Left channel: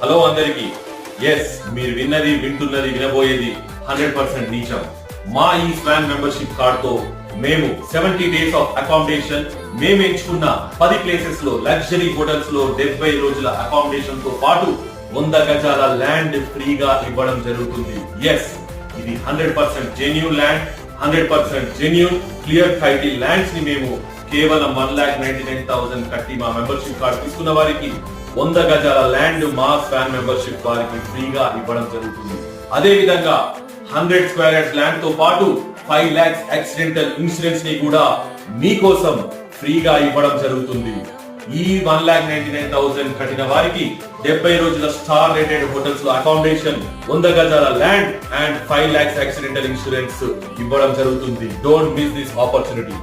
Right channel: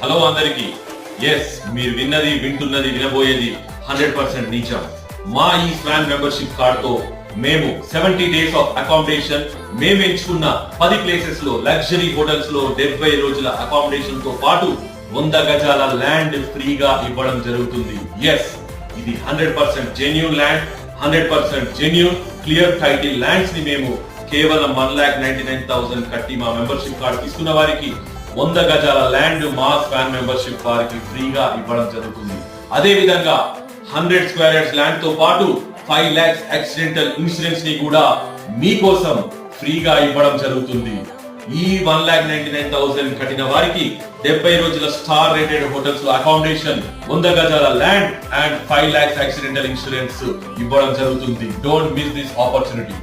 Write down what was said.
Hello అందరికి. Yes, మీరు విన్నది, వింటున్నది, వినబోయేది 100% నిజం. మా ఈ స్వాన్ మెంబర్షిప్ కార్డ్ తో మేము 70 డేస్ ఆఫ్ అకామిడేషన్, మేము ఎంచుకున్న 10 ప్లేసెస్ లో లగ్జరీ హోటల్స్ లో 70 రోజుల అకామిడేషన్ తో పాటు 100 గజాల ల్యాండ్ ఫ్రీగా ఇవ్వడం జరుగుతుంది. ఎస్, ఇది 100% genuine land, 100% genuine clear title lands ని మేము కేవలం 1,99,000 కట్టి మా మెంబర్షిప్ కార్డ్ తీసుకున్న వారికి 100 గజాల ల్యాండ్ మా స్వాన్ మెంబర్షిప్ వారికి ఫ్రీగా ఇవ్వడం జరుగుతుంది. అదే విధంగా 100 స్క్వేర్ యార్డ్స్ ల్యాండ్ తో పాటు 5 lakhs యాక్సిడెంటల్ ఇన్సూరెన్స్ ని కూడా మీకోసం ఫ్రీగా ఇవ్వడం జరుగుతుంది. ఈ 1,99,000 కట్టిన వారికి 70 రోజుల స్టార్ రేటెడ్ హోటల్స్ లో అకామిడేషన్, 100 గజాల land and 5 lakhs accidental insurance ఇవ్వడం జరుగుతుంది. Don't miss this opportunity.